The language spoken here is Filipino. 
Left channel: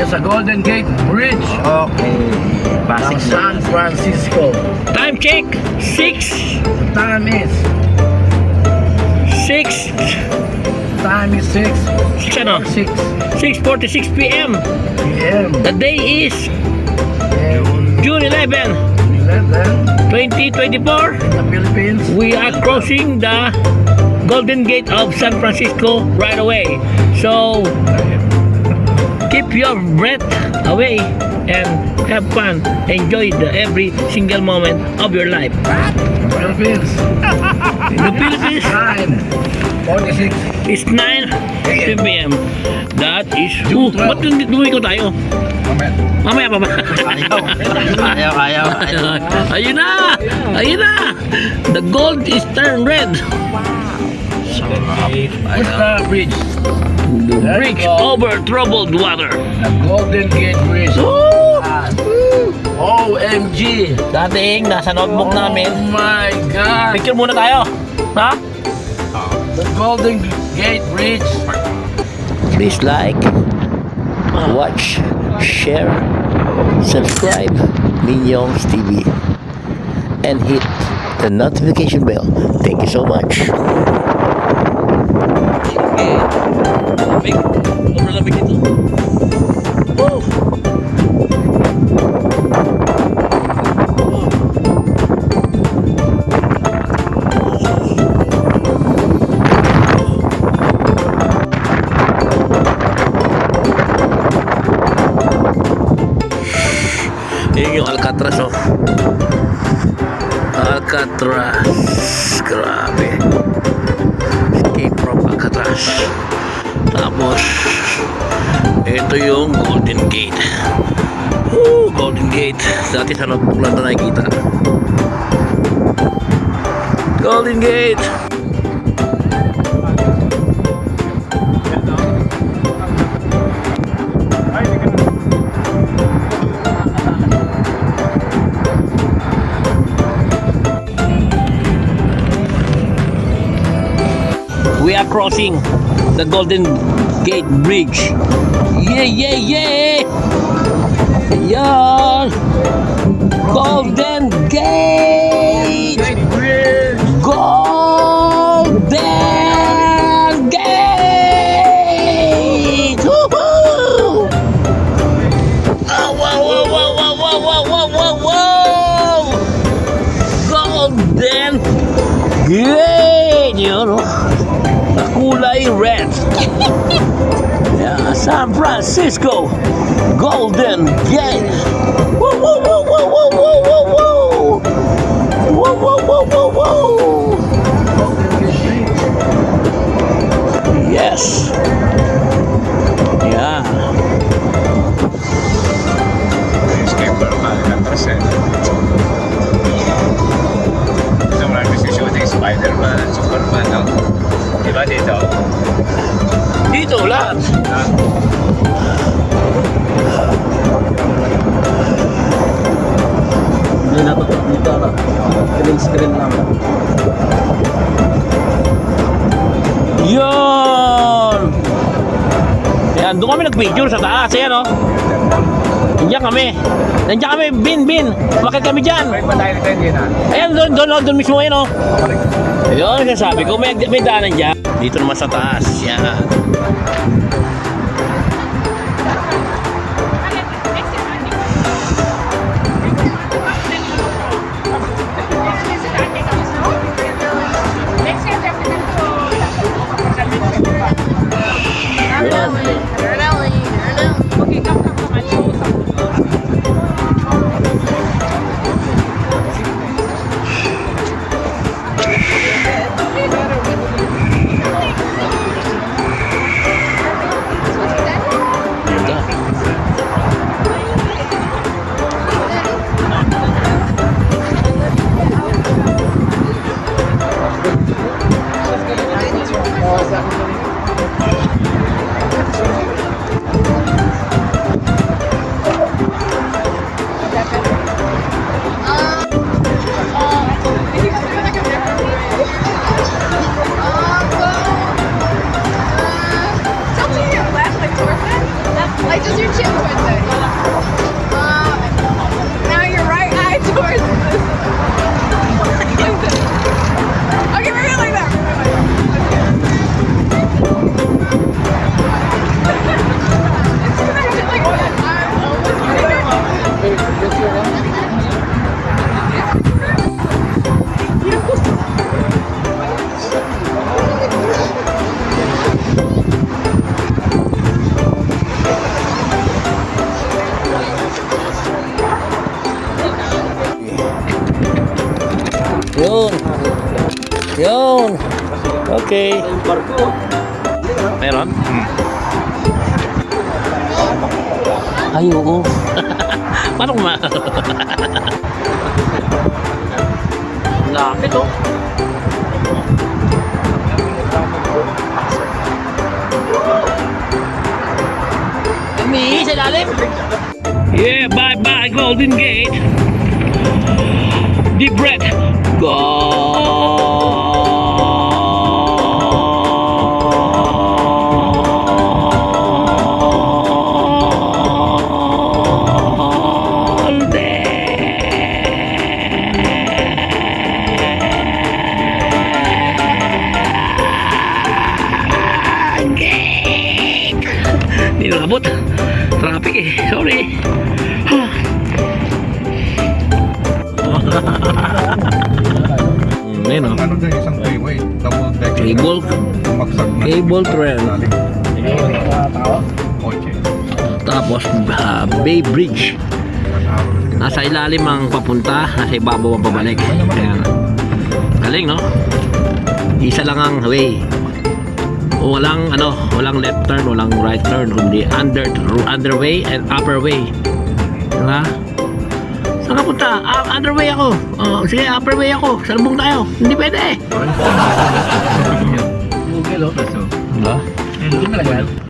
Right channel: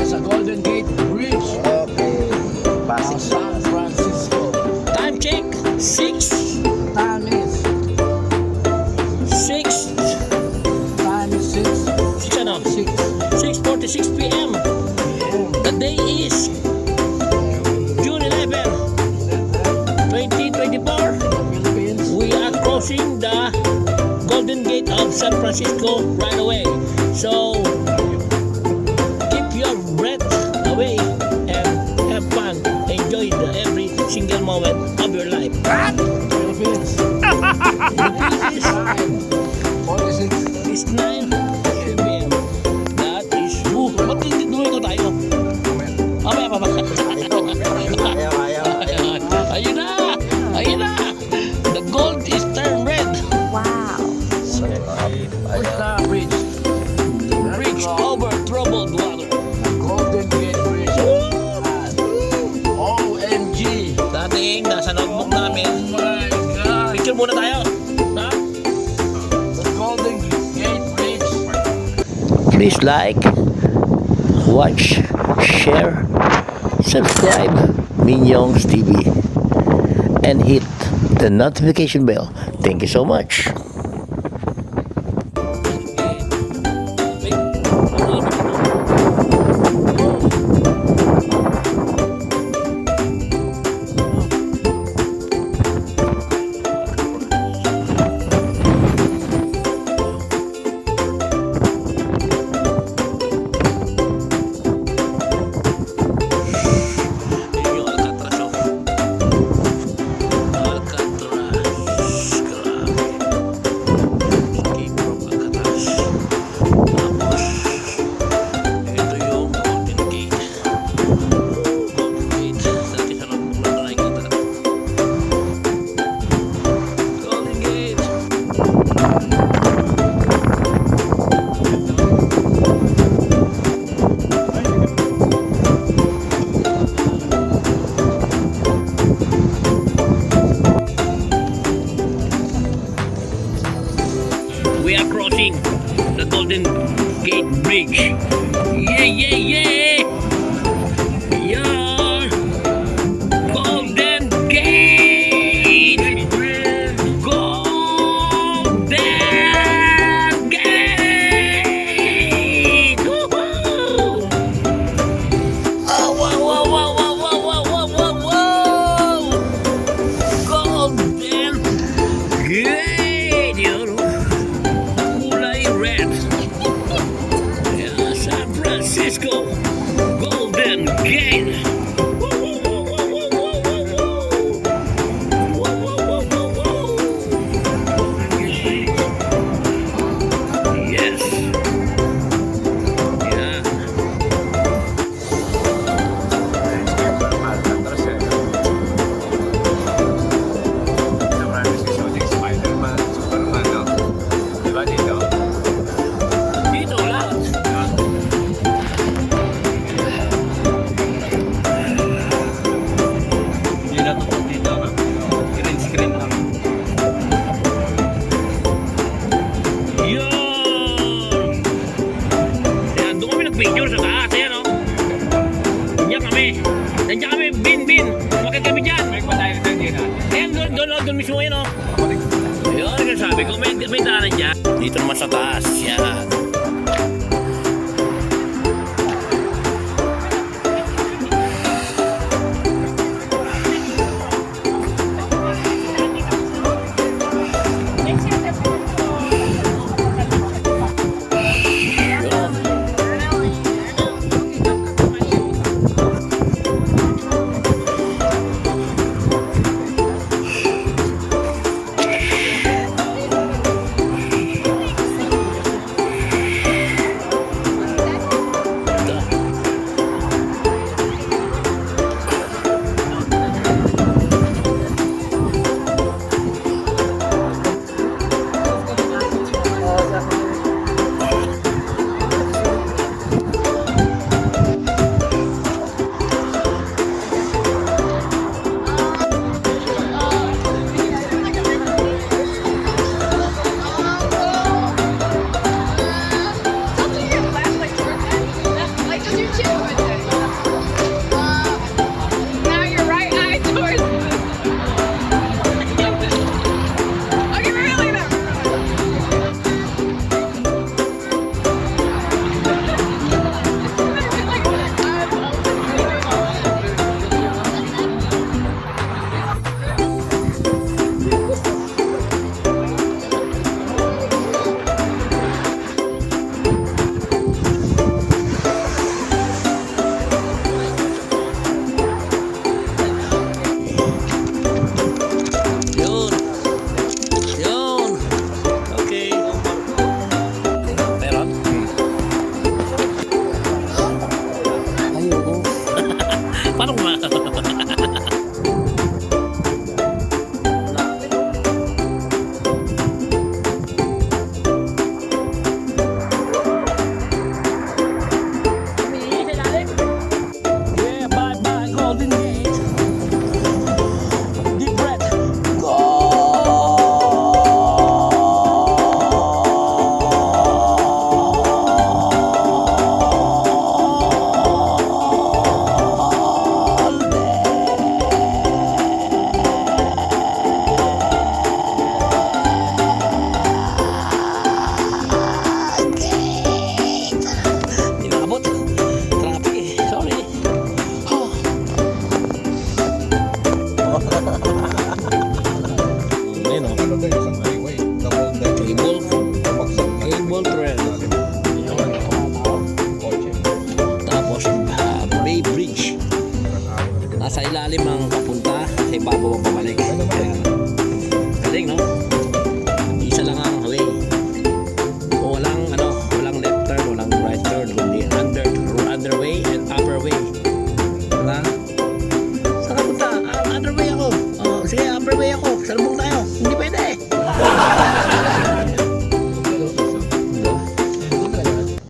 tayo sa Golden Gate Bridge Okay. ng Basic San Francisco. Time check, 6. Time is 6. Time is 6 Ano? 6 6:46 p.m. p.m. The day is June 11, 2024. in the Philippines. We are crossing the Golden Gate of San Francisco right away. So keep your breath away and have fun. Enjoy every single moment of your life. Philippines. The Philippines 9:46. is 9 p.m. That is ba't duwi ko tayo? Mamaya pa ba? Kaya. Ayun na! Ayun na! The gold is turned red. What's the bridge? Bridge over troubled water. The Golden Gate Bridge. OMG! Dating nasa notebook namin. Oh my God! Picture muna tayo. Ha? The Golden Gate Bridge. Please like, watch, share, subscribe Minyong's TV and hit the notification bell. Thank you so much. Yun yung Alcatraz, oh. Alcatraz. Grabe. Escape from Alcatraz. Tapos, ito yung Golden Gate. Woo! Golden Gate. Dati sa notebook lang na nakikita. Golden Gate. We are crossing the Golden Gate Bridge. Yeah, yeah, yeah! Yan! Golden Gate! Golden Gate! Woohoo! Oh, wow, wow, wow, wow, wow, wow, wow, wow, wow! Golden Gate! Yun, oh. Kulay red. Yeah, San Francisco Golden Gate. Woo, woo, woo, woo, woo, woo, woo, woo. Woo, woo, woo, woo, woo. Yes. Yeah. Escape from Alcatraz eh. Ito marami si shooting Spider-Man, Superman, no? Diba dito? Dito lahat. Hindi na to dito na. Green screen lang. Yun. Yan, doon kami nag-picture sa taas. Yan, oh. Nandiyan kami. Nandiyan kami, bin. Bakit kami dyan? Balik pa tayo nito, hindi na. Ayan, doon mismo yun, oh. Yun, sabi ko, may daanan dyan. Dito naman sa taas. Yan. Deep breath. Nilabot. Traffic eh. Sorry. Ayun o. Ano dyan, isang freeway. Double deck. Cable trail. Kotse. Tapos Bay Bridge. Nasa ilalim ang papunta, nasa ibabaw ang pabalik. Ayan. Galing, no? Isa lang ang way. Walang left turn, walang right turn, kundi underway and upper way. Diba? Saan ka punta? Underway ako. Sige, upper way ako. Saan mong